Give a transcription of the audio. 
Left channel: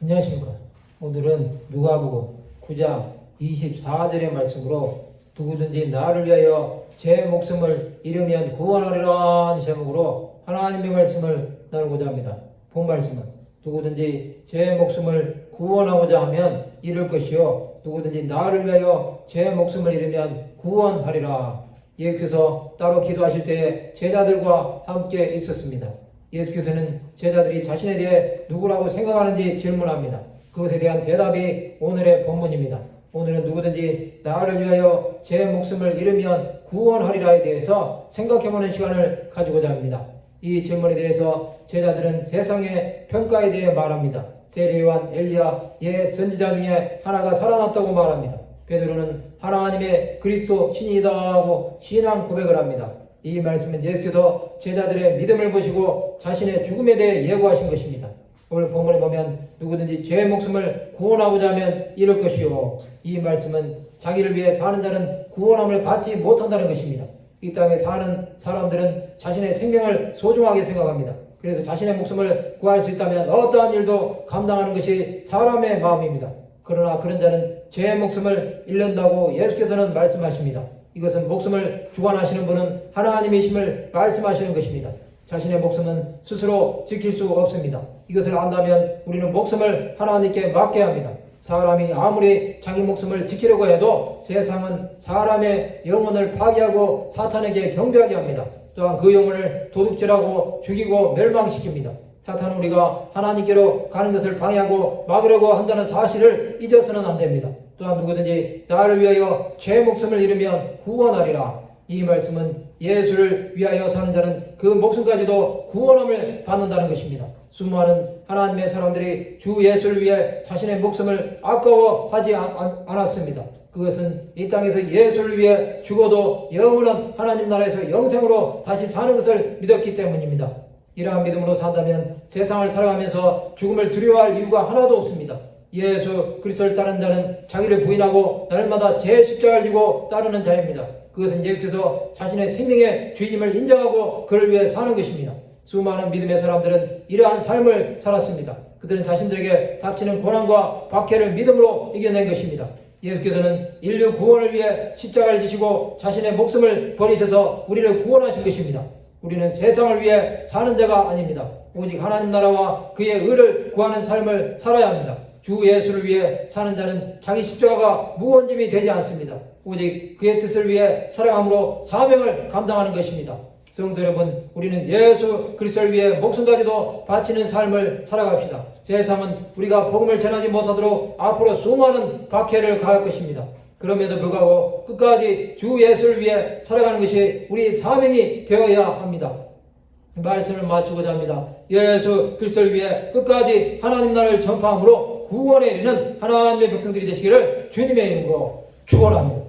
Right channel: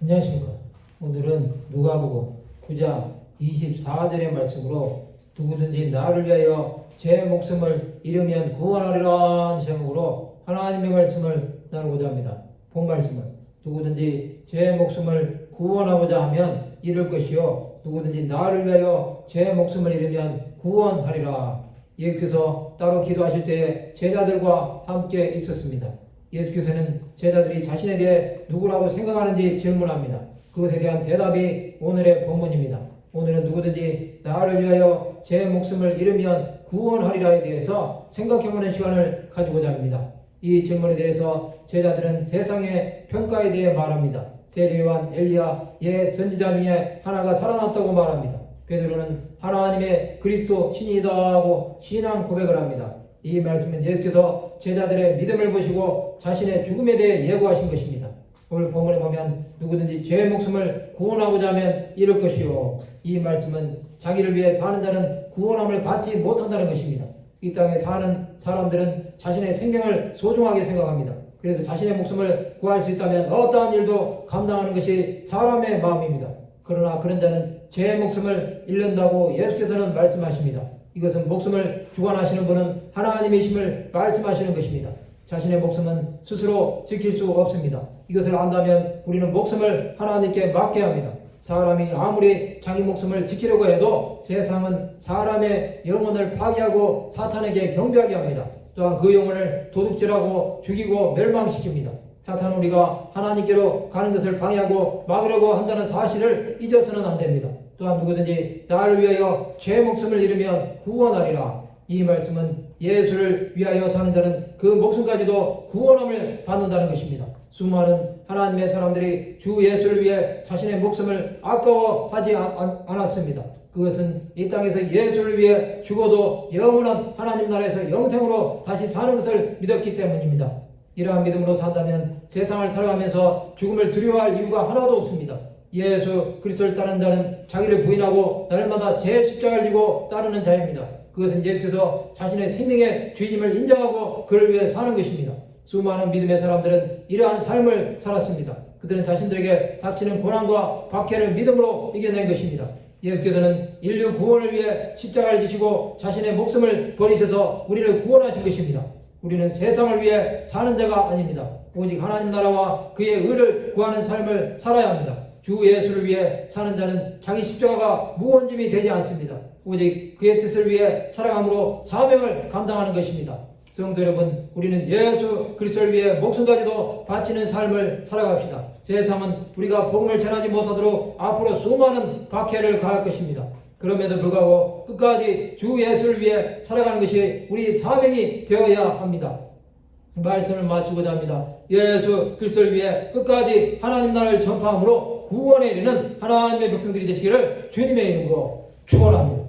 안녕하십니까. 오늘은 누가복음 9장 24절의 말씀으로 누구든지 나를 위하여 제 목숨을 잃으면 구원하리라 제목으로 하나님의 말씀을 나누고자 합니다. 본 말씀은 누구든지 제 목숨을 구원하고자 하면 잃을 것이요 누구든지 나를 위하여 제 목숨을 잃으면 구원하리라. 예수께서 따로 기도하실 때에 제자들과 함께 있었습니다. 예수께서는 제자들이 자신에 대해 누구라고 생각하는지 질문합니다. 그것에 대한 대답이 오늘의 본문입니다. 오늘은 누구든지 나를 위하여 제 목숨을 잃으면 구원하리라에 대해서 생각해보는 시간을 가지고자 합니다. 이 질문에 대해서 제자들은 세상의 평가에 대해 말합니다. 세례요한, 엘리야, 옛 선지자 중에 하나가 살아났다고 말합니다. 베드로는 하나님의 그리스도 신이다 하고 신앙 고백을 합니다. 이 말씀은 예수께서 제자들의 믿음을 보시고 자신의 죽음에 대해 예고하신 것입니다. 오늘 본문에 보면 누구든지 제 목숨을 구원하고자 하면 잃을 것이요. 이 말씀은 자기를 위해 사는 자는 구원함을 받지 못한다는 것입니다. 이 땅에 사는 사람들은 자신의 생명을 소중하게 생각합니다. 그래서 자신의 목숨을 구할 수 있다면 어떠한 일도 감당하는 것이 사람의 마음입니다. 그러나 그런 자는 제 목숨을 잃는다고 예수께서는 말씀하십니다. 이것은 목숨을 주관하시는 분은 하나님이심을 말씀하시는 것입니다. 자신의 목숨은 스스로 지킬 수 없습니다. 이것을 안다면 우리는 목숨을 하나님께 맡겨야 합니다. 사람이 아무리 자기 목숨을 지키려고 해도 세상은 사람의 영혼을 파괴하고 사탄에게 경배하게 합니다. 또한 그 영혼을 도둑질하고 죽이고 멸망시킵니다. 사탄은 우리가 하나님께로 가는 것을 방해하고 막으려고 한다는 사실을 잊어서는 안 됩니다. 또한 누구든지 나를 위하여 제 목숨을 잃으면 구원하리라. 이 말씀은 예수를 위하여 사는 자는 그 목숨까지도 구원함을 받는다는 것입니다. 수많은 하나님의 사람들이 주 예수를 위해 자신의 목숨을 아까워하지 않았습니다. 그것은 이 땅에서 예수를 위해 죽어도 영원한 하나님 나라에서 영생으로 다시 사는 것을 믿었기 때문입니다. 이러한 믿음으로 산다면 세상을 살아가면서 죽음을 두려워할 이유가 하나도 없습니다. 예수 그리스도를 따르는 자는 자기를 부인하고 날마다 제 십자가를 지고 따르는 자입니다. 그것은 예수께서 자신의 생명의 주인임을 인정하고 그를 위해 사는 것입니다. 수많은 믿음의 사람들은 이러한 삶을 살았습니다. 그들은 자신들에게 닥치는 고난과 박해를 믿음으로 이겨낸 것입니다. 예수께서는 인류 구원을 위해 십자가를 지시고 자신의 목숨을 버리셔서 우리를 구원하신 것입니다. 우리는 세상을 위해 사는 자가 아닙니다. 오직 하나님 나라와 그의 의를 구하는 삶을 살아야 합니다. 주 예수를 위해 사는 자는 자기 십자가가 무거운 짐이 되지 않습니다. 오직 그의 뜻을 위해 살아감으로 사명을 감당하는 것입니다. 성도 여러분, 우리는 예수 그리스도를 위해 목숨까지도 바치는 삶을 살아갑시다. 세상은 우리가 복음을 전하지 못하도록 앞으로 수많은 박해를 가할 것입니다. 그럼에도 불구하고 끝까지 주 예수를 위해 살아가는 것이 우리 사명이 되어야 합니다. 말씀을 마치고자 합니다. 예수 그리스도를 위해 끝까지 하나님 나라를 전파함으로 구원에 이르는 하나님의 백성들이 되시기를 주님의 이름으로 축원합니다.